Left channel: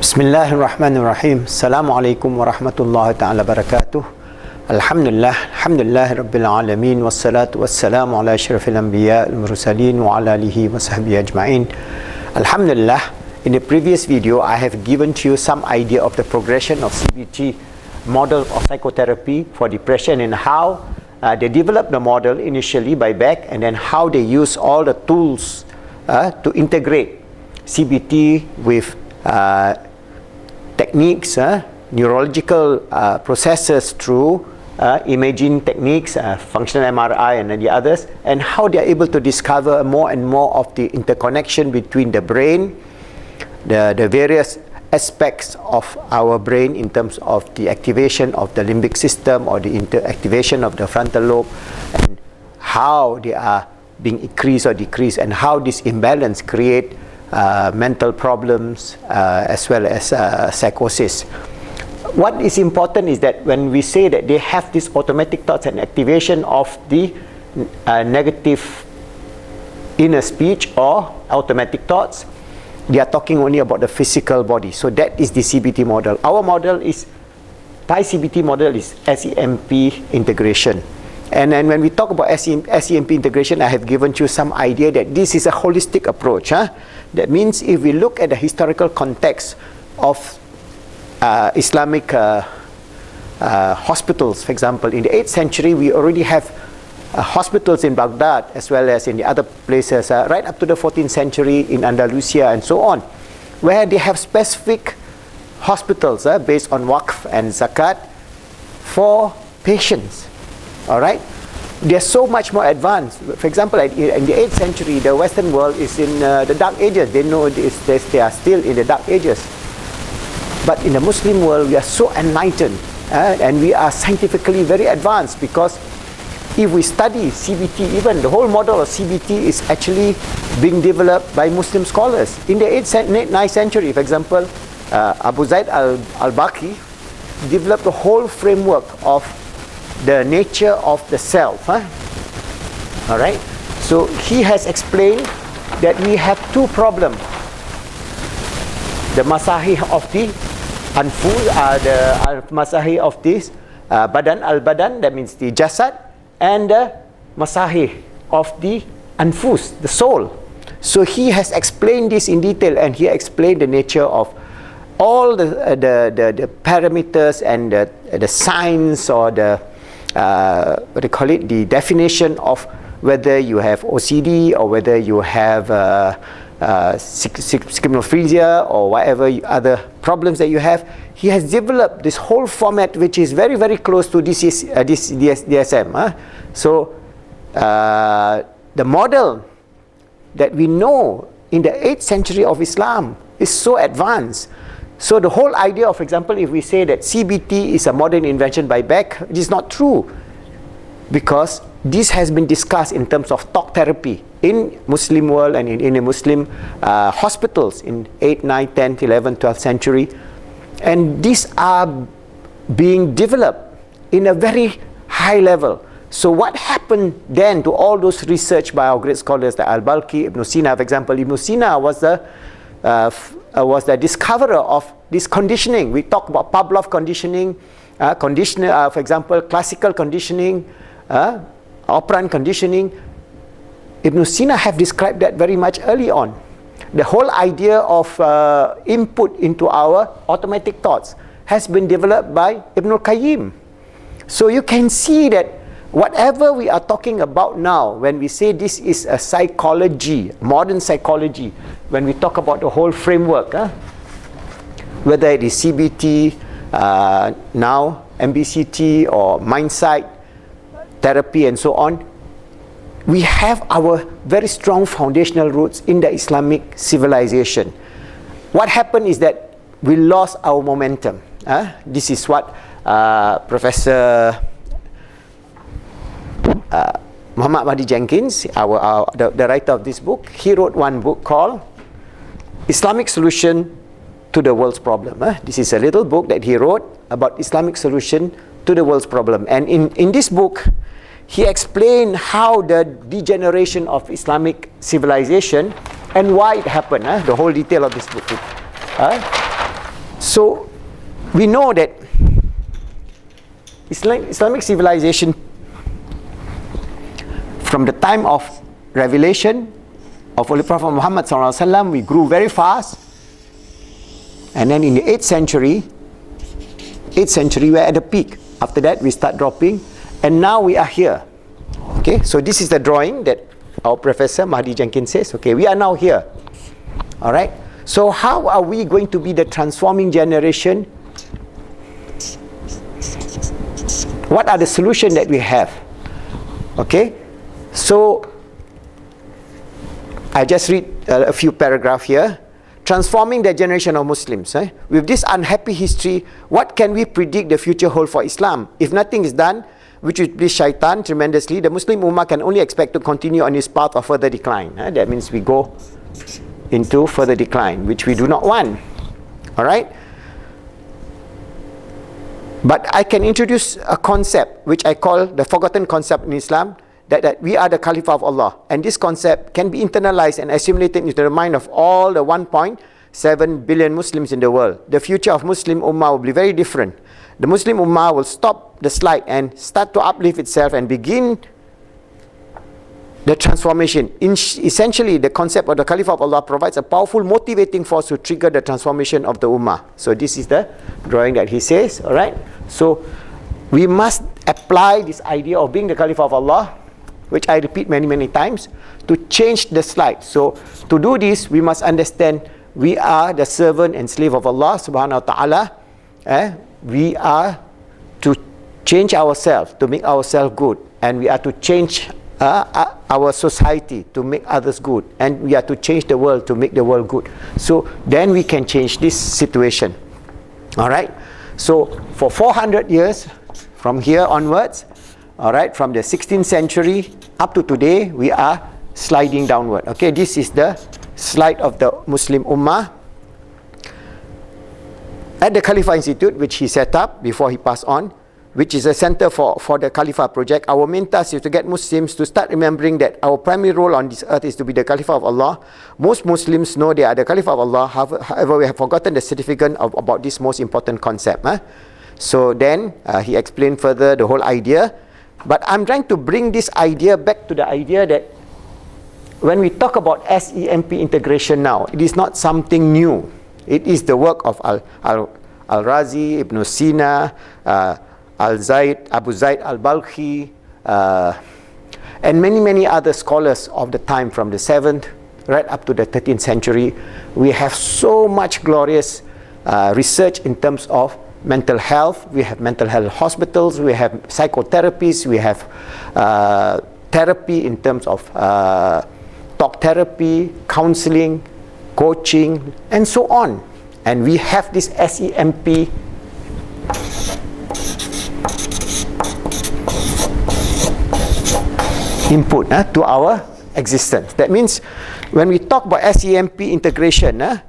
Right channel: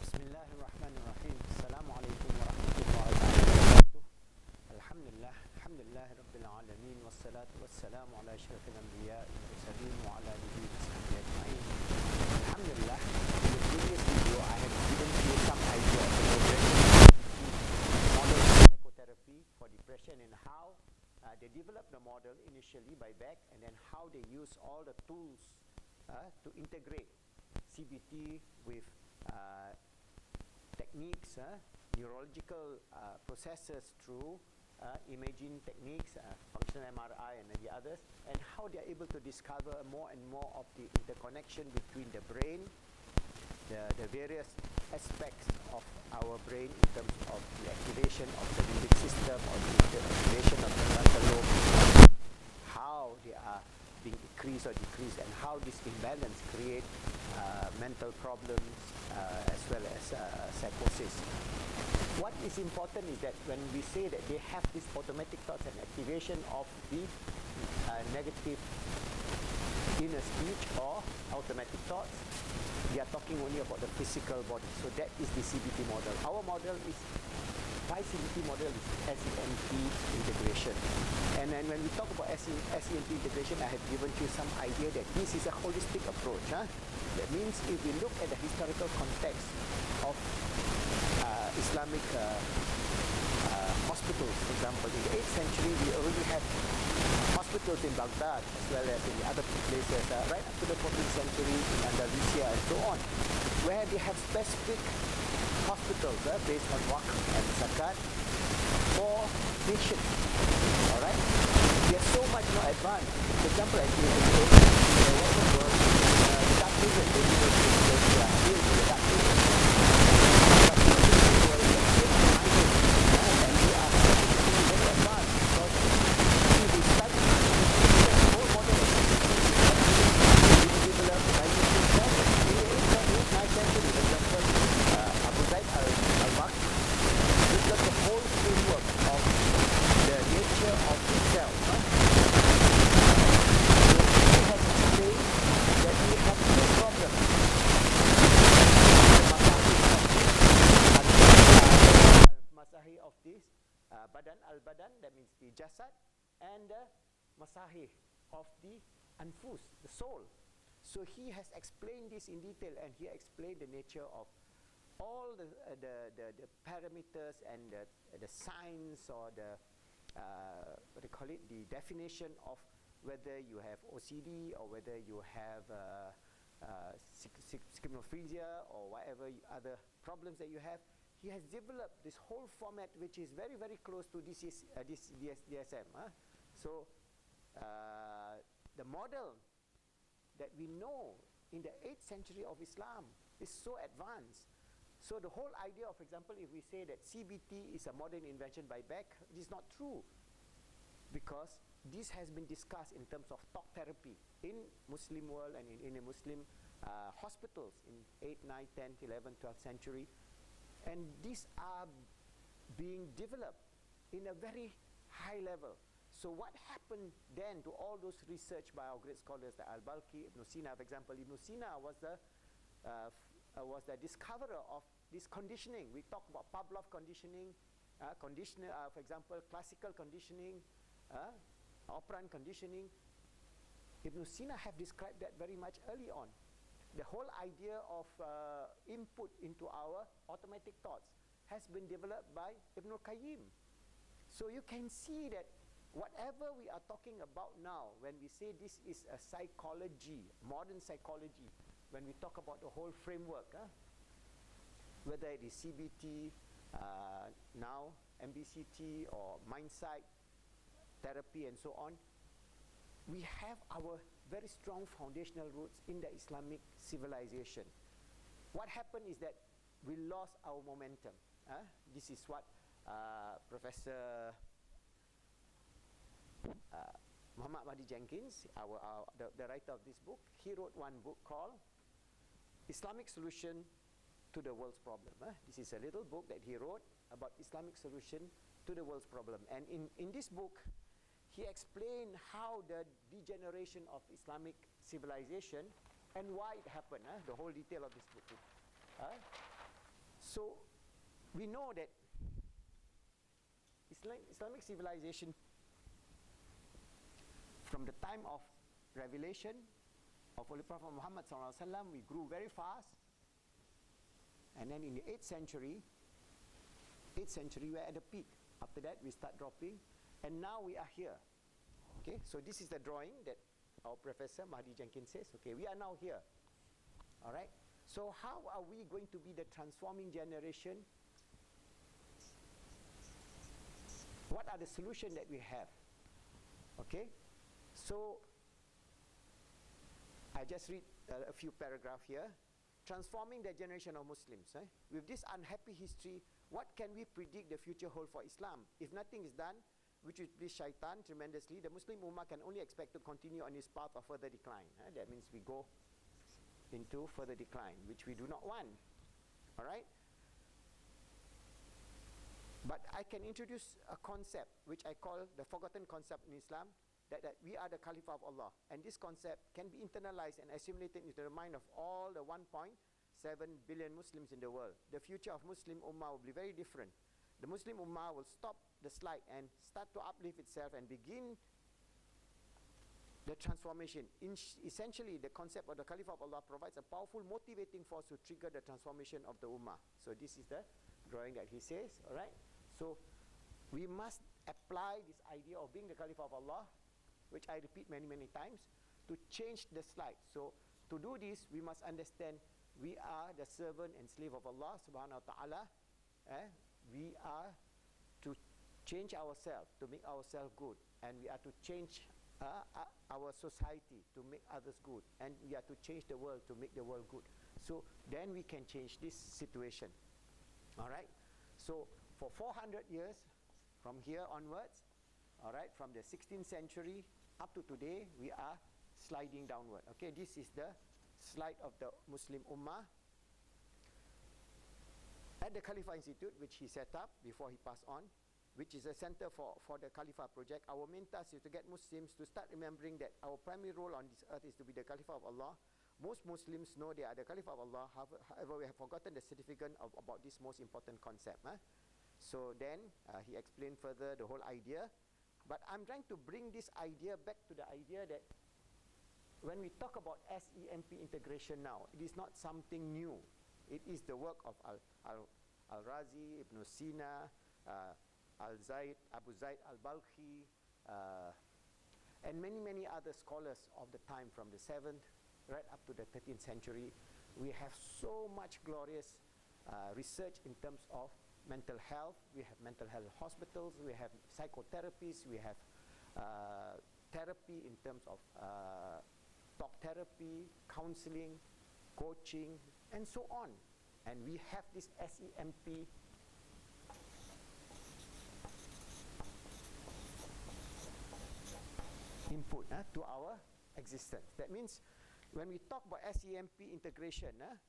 Bismillahirrahmanirrahim. Assalamualaikum warahmatullahi ta'ala barakatuh. Alhamdulillah rabbil alamin. Wassalatu wassalamu ala asyrafil anbiya wal mursalin wa ala alihi wa sahbihi ajma'in. Alhamdulillah, in the previous video I have given to you some idea of the progression of CBT models of psychotherapy for depression and how they developed the model initially by Beck, and then how they use all the tools to integrate CBT with techniques, neurological processes through imaging techniques, functional MRI and the others, and how they are able to discover more and more of the interconnection between the brain, the various aspects of our brain in terms of the activation of the limbic system or the activation of the frontal lobe, and how they are being increased or decreased, and how this imbalance create mental problems as well as psychosis. What is important is that when we say that they have these automatic thoughts and activation of the negative inner speech or automatic thoughts, they are talking only about the physical body. So that is the CBT model. Our model is, Pi-CBT model is SEMP integration. And then when we talk about SEMP integration, I have given you some idea that this is a holistic approach. That means if we look at the historical context of Islamic hospitals, for example, in the 8th century, we already have hospitals in Baghdad as well as in the other places, right up to the 14th century in Andalusia and so on, where they have specific hospitals based on waqf and zakat for patients. All right? They are so much more advanced. For example, in the 8th century, the Western world is in the dark ages. They know they are still in the dark ages. But in the Muslim world, we are so enlightened and we are scientifically very advanced, because if we study CBT, even the whole model of CBT is actually being developed by Muslim scholars. In the 9th century, for example, Abu Zaid al-Baqi developed the whole framework of the nature of the self. All right. So he has explained that we have two problems: the masahih of the anfu, the masahih of this badan al-badan, that means the jasad, and the masahih of the anfus, the soul. So he has explained this in detail, and he explained the nature of all the parameters and the signs, or the what do you call it, the definition of whether you have OCD or whether you have schizophrenia or whatever other problems that you have. He has developed this whole format which is very, very close to this DSM. So the model that we know in the 8th century of Islam is so advanced. So the whole idea of, for example, if we say that CBT is a modern invention by Beck, it is not true, because this has been discussed in terms of talk therapy in Muslim world and in the Muslim hospitals in 8th, 9th, 10th, 11th, 12th century. And these are being developed in a very high level. So what happened then to all those research by our great scholars like Al-Balkhi, Ibn Sina, for example? Ibn Sina was the discoverer of this conditioning. We talk about Pavlov conditioning, for example, classical conditioning, operant conditioning. Ibn Sina have described that very much early on. The whole idea of input into our automatic thoughts has been developed by Ibn al-Qayyim. So you can see that whatever we are talking about now, when we say this is a psychology, modern psychology, when we talk about the whole framework, whether it is CBT, now MBCT, or mindsight therapy and so on, we have our very strong foundational roots in the Islamic civilization. What happened is that we lost our momentum. This is what Professor Muhammad Mahdi Jenkins, the writer of this book, he wrote one book called Islamic Solution to the World's Problem. This is a little book that he wrote about Islamic solution to the world's problem. And in this book, he explained how the degeneration of Islamic civilization and why it happened, the whole detail of this book. So we know that Islamic civilization, from the time of revelation of Holy Prophet Muhammad SAW, we grew very fast, and then in the 8th century we're at the peak. After that we start dropping, and now we are here. Okay, so this is the drawing that our professor Mahdi Jenkins says. Okay, we are now here. All right, so how are we going to be the transforming generation? What are the solutions that we have? Okay, so I just read a few paragraphs here. Transforming the generation of Muslims. With this unhappy history, what can we predict the future hold for Islam? If nothing is done, which will please shaitan tremendously, the Muslim Ummah can only expect to continue on its path of further decline. That means we go into further decline, which we do not want. All right? But I can introduce a concept which I call the forgotten concept in Islam, that we are the Caliph of Allah. And this concept can be internalized and assimilated into the mind of all the 1.7 billion Muslims in the world. The future of Muslim Ummah will be very different. The Muslim Ummah will stop the slide and start to uplift itself and begin the transformation. Essentially, the concept of the Caliph of Allah provides a powerful motivating force to trigger the transformation of the Ummah. So this is the drawing that he says, all right? So we must apply this idea of being the Caliph of Allah, which I repeat many, many times, to change the slide. So to do this, we must understand we are the servant and slave of Allah subhanahu wa ta'ala. We are to change ourselves, to make ourselves good. And we are to change our society to make others good. And we are to change the world to make the world good. So then we can change this situation. All right? So for 400 years, from here onwards, all right, from the 16th century up to today, we are sliding downward. Okay, this is the slide of the Muslim Ummah. At the Khalifa Institute, which he set up before he passed on, which is a center for the Khalifa project, our main task is to get Muslims to start remembering that our primary role on this earth is to be the Khalifa of Allah. Most Muslims know they are the Khalifa of Allah, however, we have forgotten the significance about this most important concept. So then, he explained further the whole idea. But I'm trying to bring this idea back to the idea that when we talk about SEMP integration now, it is not something new. It is the work of Al-Razi, Ibn Sina, Abu Zayd al-Balkhi, and many, many other scholars of the time from the 7th right up to the 13th century. We have so much glorious research in terms of mental health. We have mental health hospitals, we have psychotherapies, we have therapy in terms of talk therapy, counseling, coaching, and so on. And we have this SEMP input to our existence. That means when we talk about SEMP integration,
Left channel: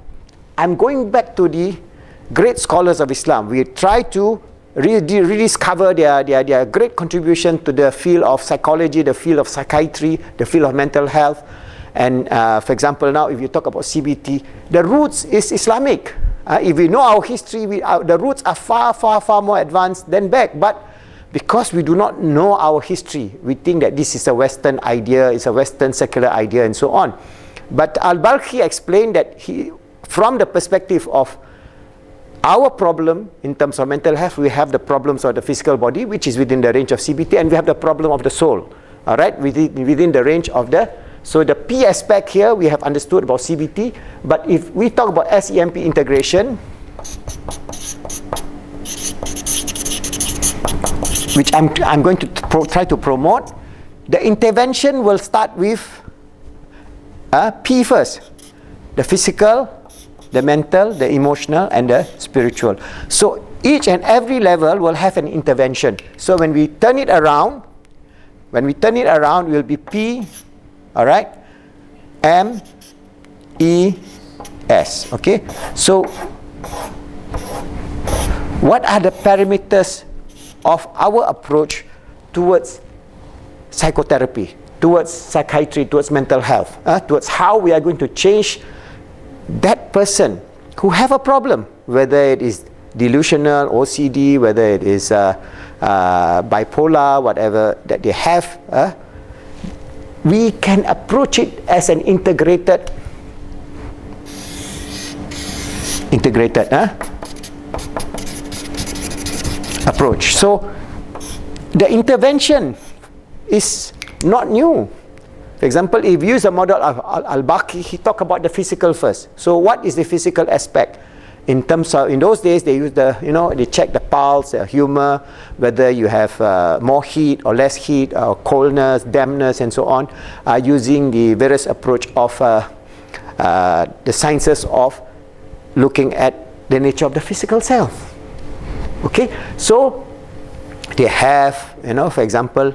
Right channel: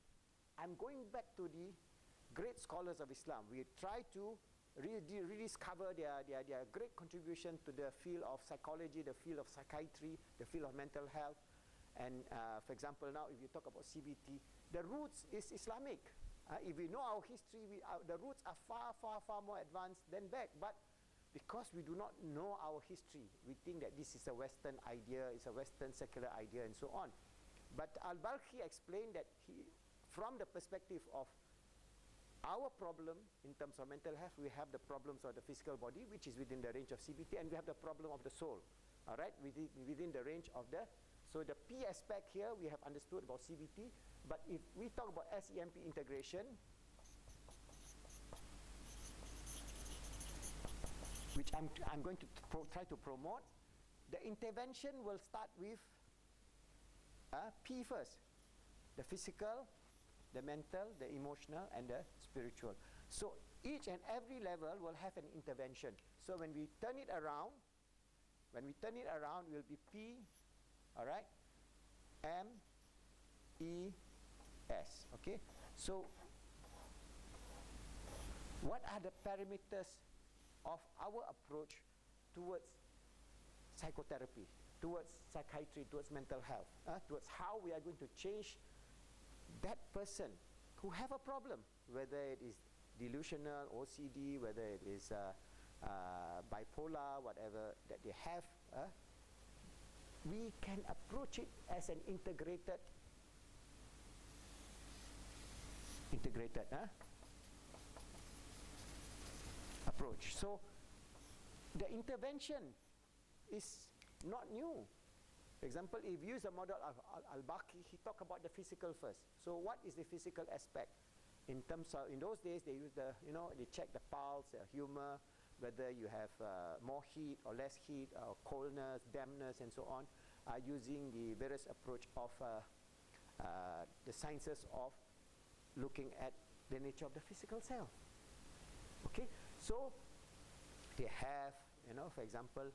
I'm going back to the great scholars of Islam. We try to rediscover their great contribution to the field of psychology, the field of psychiatry, the field of mental health. And for example, now if you talk about CBT, the roots is Islamic. If we know our history, the roots are far, far, far more advanced than back. But because we do not know our history, we think that this is a Western idea, it's a Western secular idea, and so on. But Al-Balkhi explained that from the perspective of our problem in terms of mental health, we have the problems of the physical body, which is within the range of CBT, and we have the problem of the soul, all right, within the range of the. So the P aspect here, we have understood about CBT, but if we talk about SEMP integration, which I'm going to try to promote, the intervention will start with P first, the physical, the mental, the emotional, and the spiritual. So each and every level will have an intervention. So when we turn it around, it will be P, all right, M, E, S. Okay. So what are the parameters of our approach towards psychotherapy, towards psychiatry, towards mental health, towards how we are going to change that person who have a problem, whether it is delusional, OCD, whether it is bipolar, whatever that they have, we can approach it as an integrated approach. So the intervention is not new. For example, if you use the model of Al-Baqi, he talked about the physical first. So what is the physical aspect? In terms of, in those days, they use the, they check the pulse, the humor, whether you have more heat or less heat, or coldness, dampness, and so on, using the various approach of the sciences of looking at the nature of the physical self. Okay, so they have, for example,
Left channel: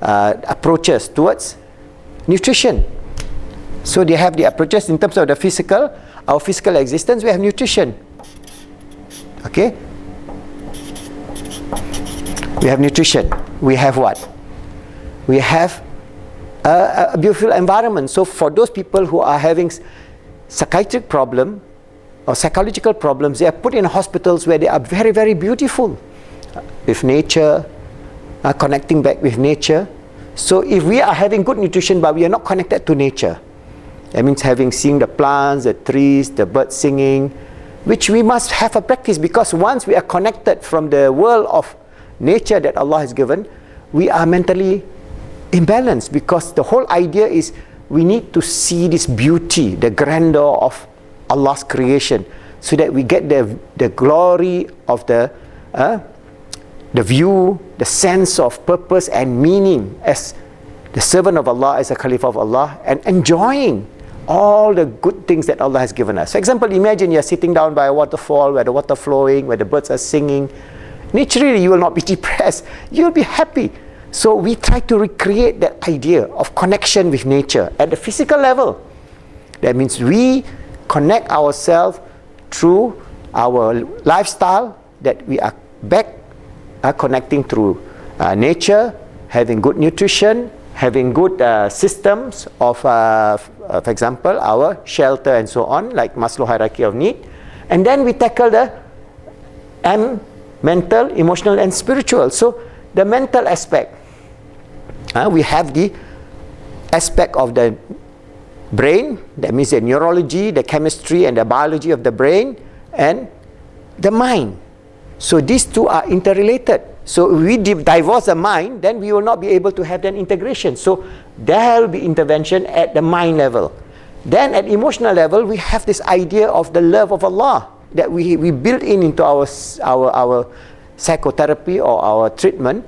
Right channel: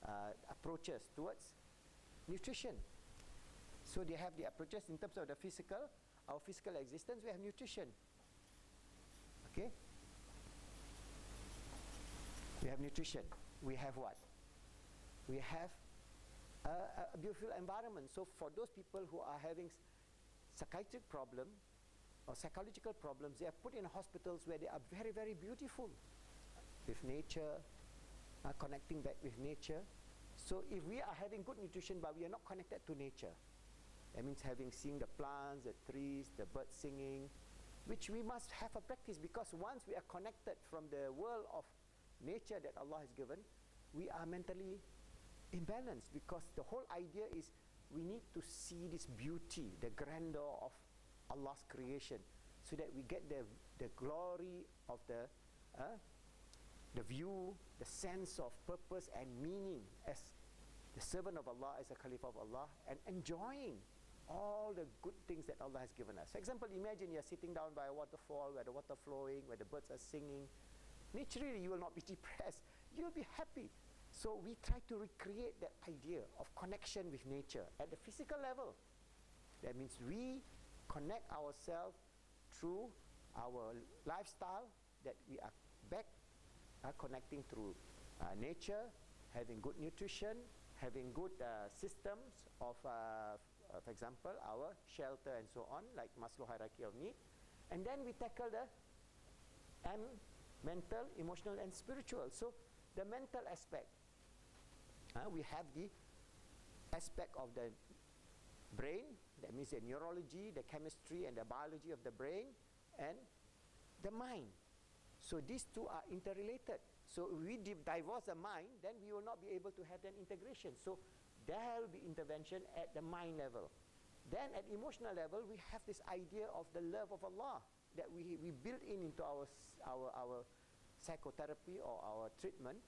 approaches towards nutrition. So they have the approaches in terms of the physical, our physical existence. We have nutrition. Okay, we have nutrition. We have what? We have a beautiful environment. So for those people who are having psychiatric problem or psychological problems, they are put in hospitals where they are very, very beautiful, with nature, connecting back with nature. So if we are having good nutrition but we are not connected to nature, that means seeing the plants, the trees, the birds singing, which we must have a practice, because once we are connected from the world of nature that Allah has given, we are mentally imbalanced, because the whole idea is we need to see this beauty, the grandeur of Allah's creation, so that we get the glory of the view, the sense of purpose and meaning as the servant of Allah, as a Caliph of Allah, and enjoying all the good things that Allah has given us. For example, imagine you're sitting down by a waterfall where the water flowing, where the birds are singing. Naturally, you will not be depressed. You'll be happy. So we try to recreate that idea of connection with nature at the physical level. That means we connect ourselves through our lifestyle, that we are back connecting through nature, having good nutrition, having good systems of, for example, our shelter and so on, like Maslow hierarchy of need. And then we tackle the mental, emotional, and spiritual. So the mental aspect, we have the aspect of the brain, that means the neurology, the chemistry, and the biology of the brain, and the mind. So these two are interrelated. So if we divorce the mind, then we will not be able to have that integration. So there will be intervention at the mind level. Then at emotional level, we have this idea of the love of Allah that we build into our psychotherapy or our treatment,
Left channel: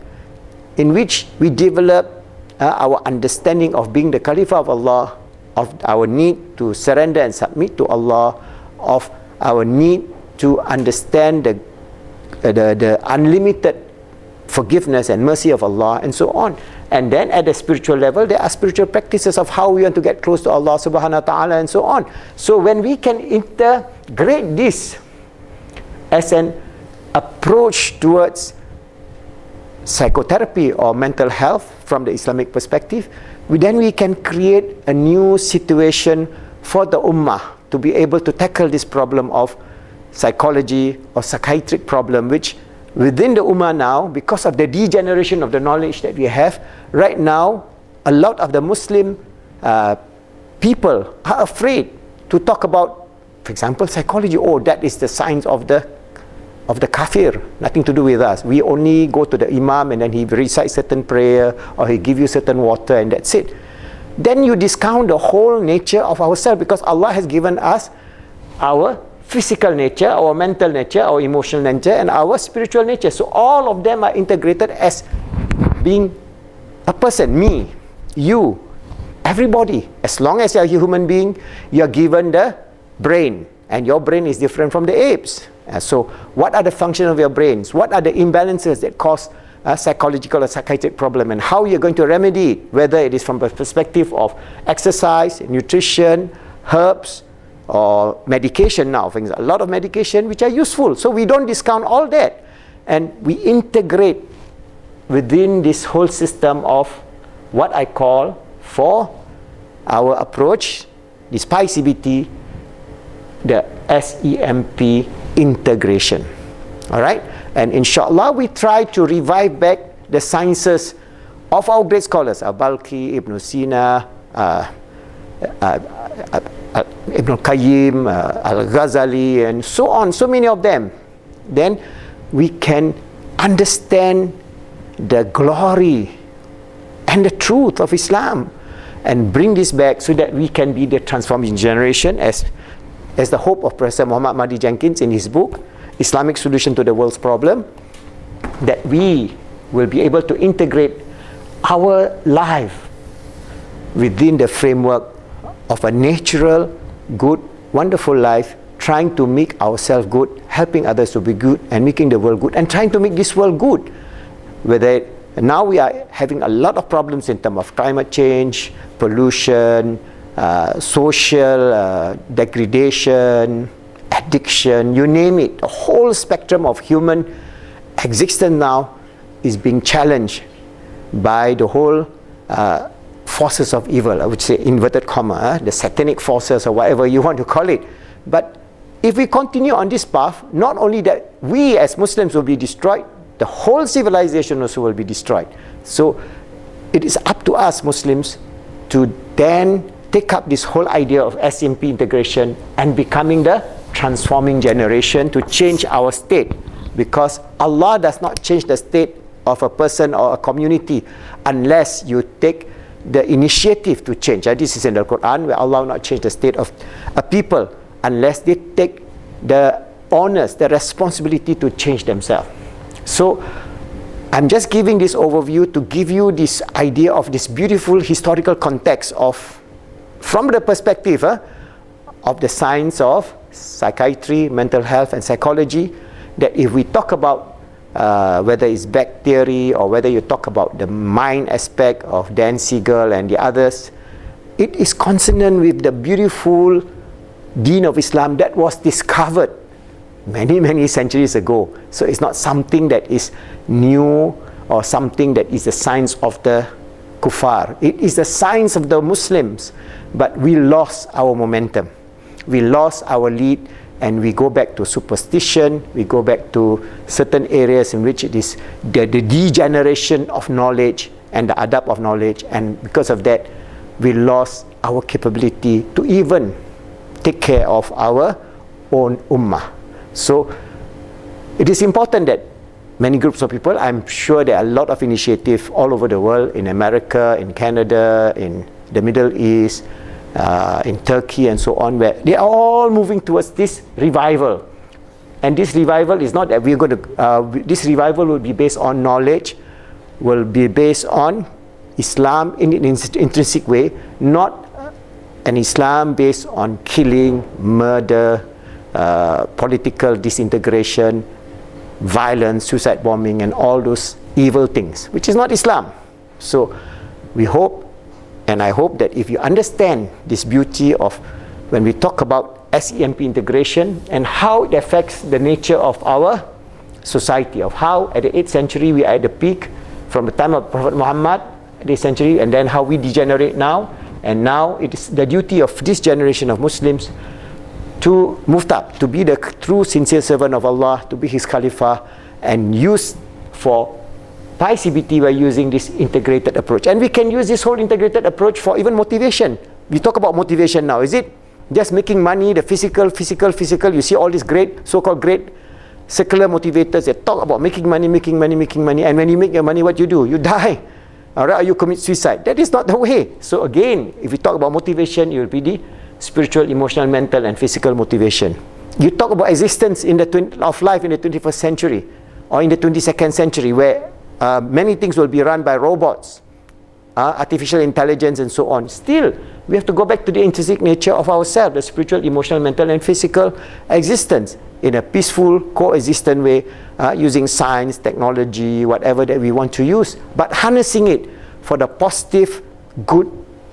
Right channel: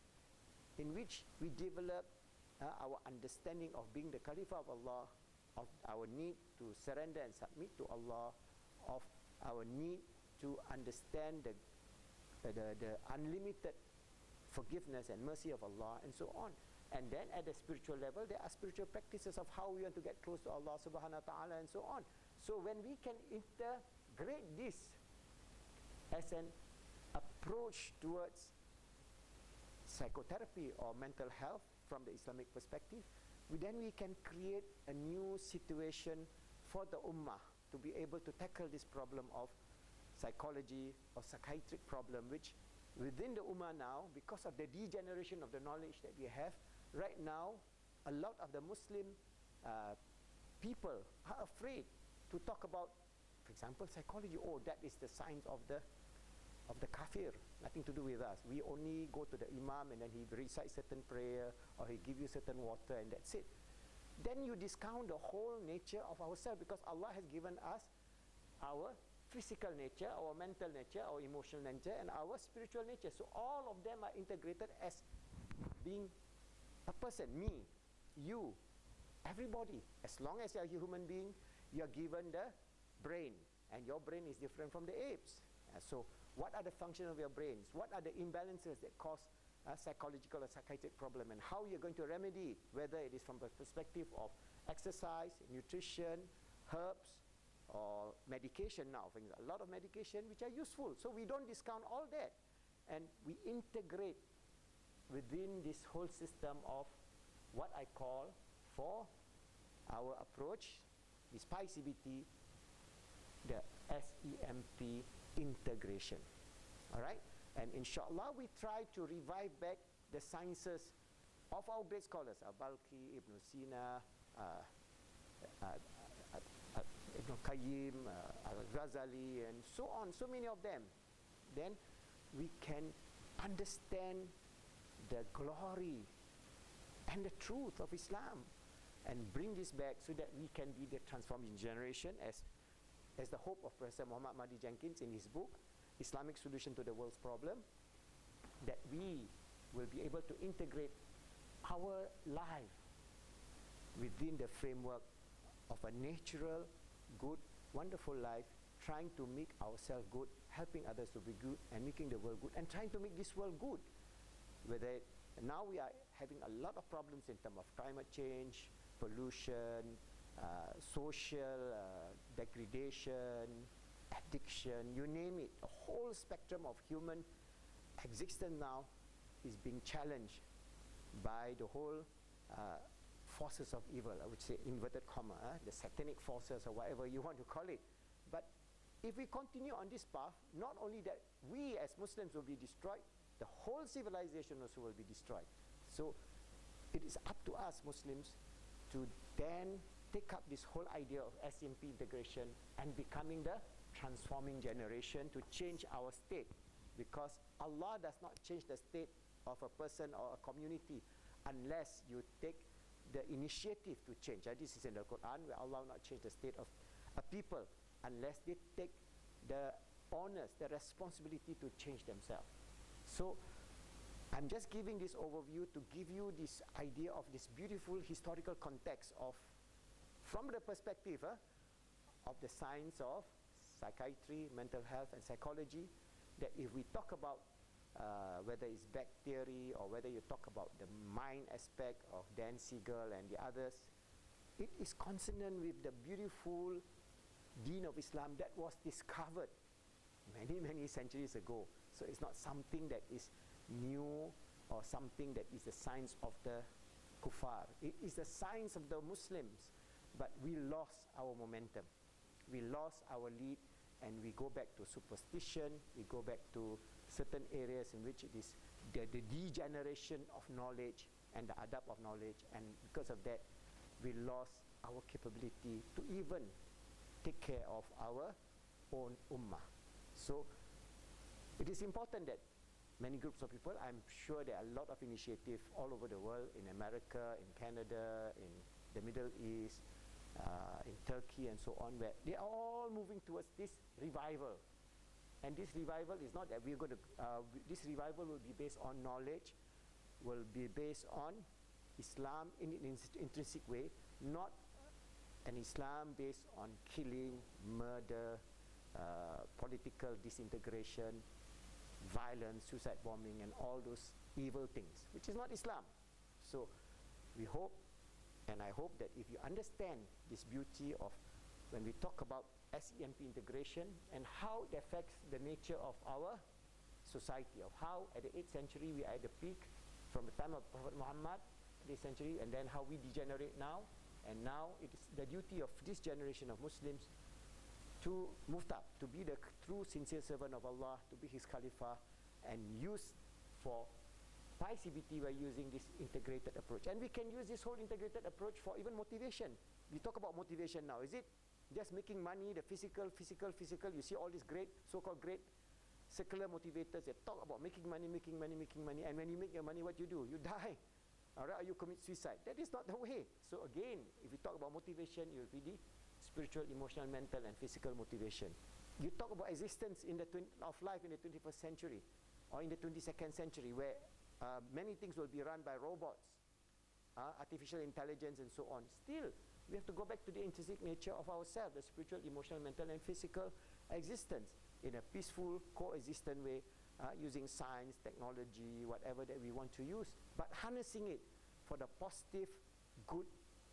in which we develop our understanding of being the Caliph of Allah, of our need to surrender and submit to Allah, of our need to understand the unlimited forgiveness and mercy of Allah, and so on. And then at the spiritual level, there are spiritual practices of how we want to get close to Allah subhanahu wa ta'ala, and so on. So when we can integrate this as an approach towards psychotherapy or mental health from the Islamic perspective, then we can create a new situation for the ummah to be able to tackle this problem of psychology or psychiatric problem, which within the ummah now, because of the degeneration of the knowledge that we have right now, a lot of the Muslim people are afraid to talk about, for example, psychology. Oh, that is the science of the kafir, nothing to do with us. We only go to the imam and then he recites certain prayer, or he give you certain water, and that's it. Then you discount the whole nature of ourselves, because Allah has given us our physical nature, our mental nature, our emotional nature, and our spiritual nature. So all of them are integrated as being a person, me, you, everybody. As long as you're a human being, you're given the brain, and your brain is different from the apes. So what are the functions of your brains? What are the imbalances that cause a psychological or psychiatric problem, and how you're going to remedy it, whether it is from the perspective of exercise, nutrition, herbs, or medication now. For example, a lot of medication which are useful. So we don't discount all that. And we integrate within this whole system of what I call, for our approach, this Pi-CBT, the SEMP integration. All right? And inshallah, we try to revive back the sciences of our great scholars, Al-Balkhi, Ibn Sina, Ibn Qayyim, Al-Ghazali, and so on, so many of them. Then we can understand the glory and the truth of Islam and bring this back so that we can be the transforming generation as the hope of Professor Muhammad Mahdi Jenkins in his book, Islamic Solution to the World's Problem, that we will be able to integrate our life within the framework of a natural, good, wonderful life, trying to make ourselves good, helping others to be good, and making the world good, and trying to make this world good. Whether now we are having a lot of problems in terms of climate change, pollution, social degradation, addiction, you name it. The whole spectrum of human existence now is being challenged by the whole forces of evil, I would say, inverted comma, the satanic forces or whatever you want to call it. But if we continue on this path, not only that we as Muslims will be destroyed, the whole civilization also will be destroyed. So it is up to us Muslims to then take up this whole idea of SEMP integration and becoming the transforming generation to change our state, because Allah does not change the state of a person or a community unless you take the initiative to change. This is in the Quran, where Allah will not change the state of a people unless they take the honors, the responsibility to change themselves. So I'm just giving this overview to give you this idea of this beautiful historical context of, from the perspective of the science of psychiatry, mental health and psychology, that if we talk about whether it's back theory or whether you talk about the mind aspect of Dan Siegel and the others, it is consonant with the beautiful deen of Islam that was discovered many centuries ago. So it's not something that is new or something that is the science of the kuffar. It is the science of the Muslims, but we lost our momentum. We lost our lead, and we go back to superstition, we go back to certain areas in which it is the degeneration of knowledge and the adab of knowledge, and because of that, we lost our capability to even take care of our own ummah. So it is important that many groups of people, I'm sure there are a lot of initiatives all over the world, in America, in Canada, in the Middle East, in Turkey and so on, where they are all moving towards this revival. And this revival is not that we're going to, this revival will be based on knowledge, will be based on Islam in an intrinsic way, not an Islam based on killing, murder, political disintegration, violence, suicide bombing, and all those evil things, which is not Islam. So we hope, and I hope that if you understand this beauty of when we talk about SEMP integration and how it affects the nature of our society, of how at the 8th century we are at the peak from the time of Prophet Muhammad, the 8th century, and then how we degenerate now, and now it is the duty of this generation of Muslims to move up, to be the true sincere servant of Allah, to be His Khalifa, and use for Pi-CBT by using this integrated approach. And we can use this whole integrated approach for even motivation. We talk about motivation now. Is it just making money, the physical? You see all these great, so-called great secular motivators that talk about making money. And when you make your money, what you do? You die. All right, or you commit suicide. That is not the way. So again, if we talk about motivation, it will be the spiritual, emotional, mental, and physical motivation. You talk about existence in of life in the 21st century or in the 22nd century, where many things will be run by robots, artificial intelligence, and so on. Still, we have to go back to the intrinsic nature of ourselves, the spiritual, emotional, mental, and physical existence in a peaceful, coexistent way, using science, technology, whatever that we want to use, but harnessing it for the positive, good,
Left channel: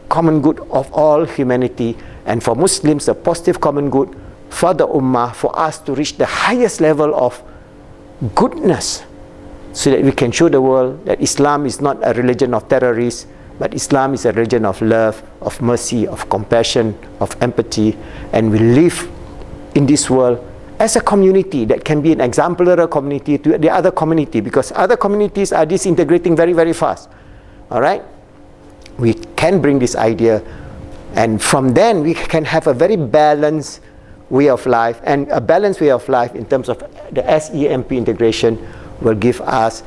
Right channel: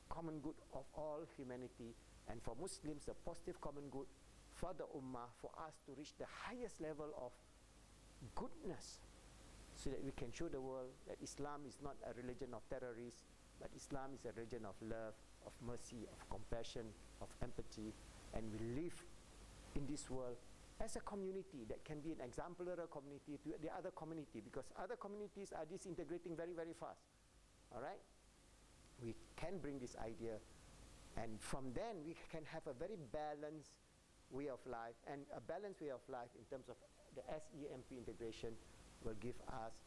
common good of all humanity, and for Muslims, the positive common good for the ummah, for us to reach the highest level of goodness, so that we can show the world that Islam is not a religion of terrorists, but Islam is a religion of love, of mercy, of compassion, of empathy, and we live in this world as a community that can be an exemplary community to the other community, because other communities are disintegrating very, very fast. All right? We can bring this idea, and from then we can have a very balanced way of life, and a balanced way of life in terms of the SEMP integration will give us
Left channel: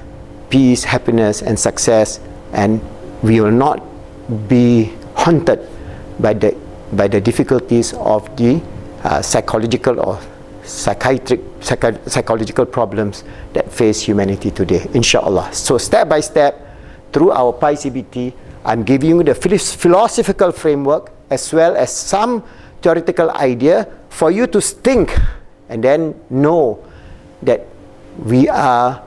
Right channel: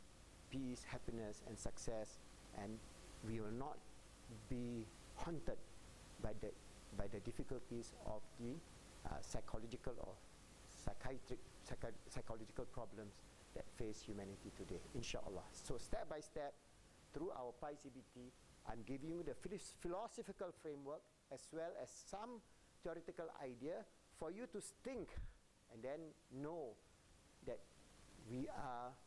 peace, happiness, and success, and we will not be haunted by the difficulties of the psychological or psychological problems that face humanity today, inshallah. So step by step, through our Pi-CBT, I'm giving you the philosophical framework as well as some theoretical idea for you to think and then know that we are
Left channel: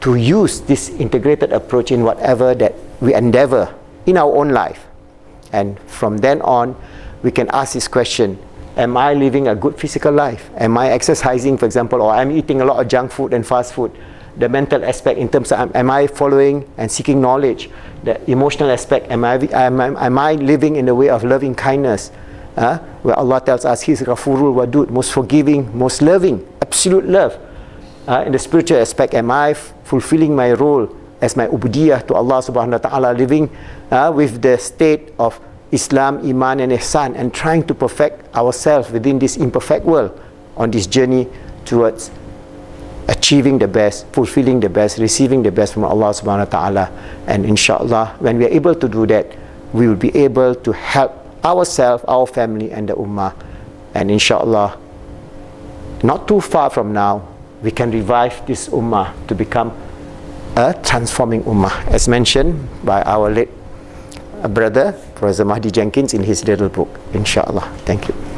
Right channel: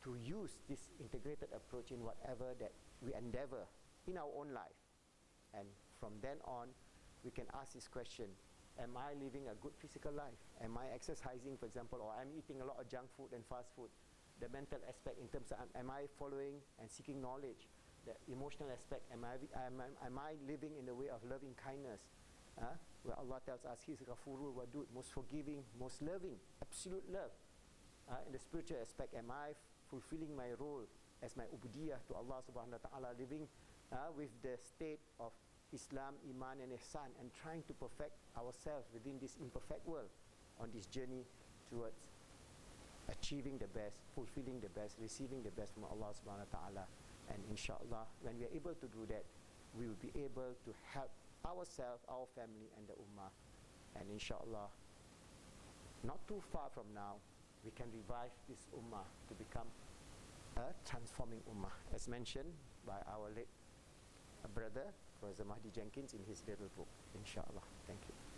to use this integrated approach in whatever that we endeavor in our own life. And from then on, we can ask this question: am I living a good physical life? Am I exercising, for example, or I'm eating a lot of junk food and fast food? The mental aspect in terms of am I following and seeking knowledge? The emotional aspect, am I living in the way of loving kindness? Where Allah tells us He's Ghafurul Wadud, most forgiving, most loving, absolute love. In the spiritual aspect, am I fulfilling my role as my ubudiyah to Allah subhanahu wa ta'ala, living with the state of Islam, Iman and Ihsan, and trying to perfect ourselves within this imperfect world on this journey towards achieving the best, fulfilling the best, receiving the best from Allah subhanahu wa ta'ala. And inshallah, when we are able to do that, we will be able to help ourselves, our family and the ummah. And inshallah, not too far from now, we can revive this ummah to become a transforming ummah, as mentioned by our late brother, Professor Mahdi Jenkins, in his little book, inshallah. Thank you.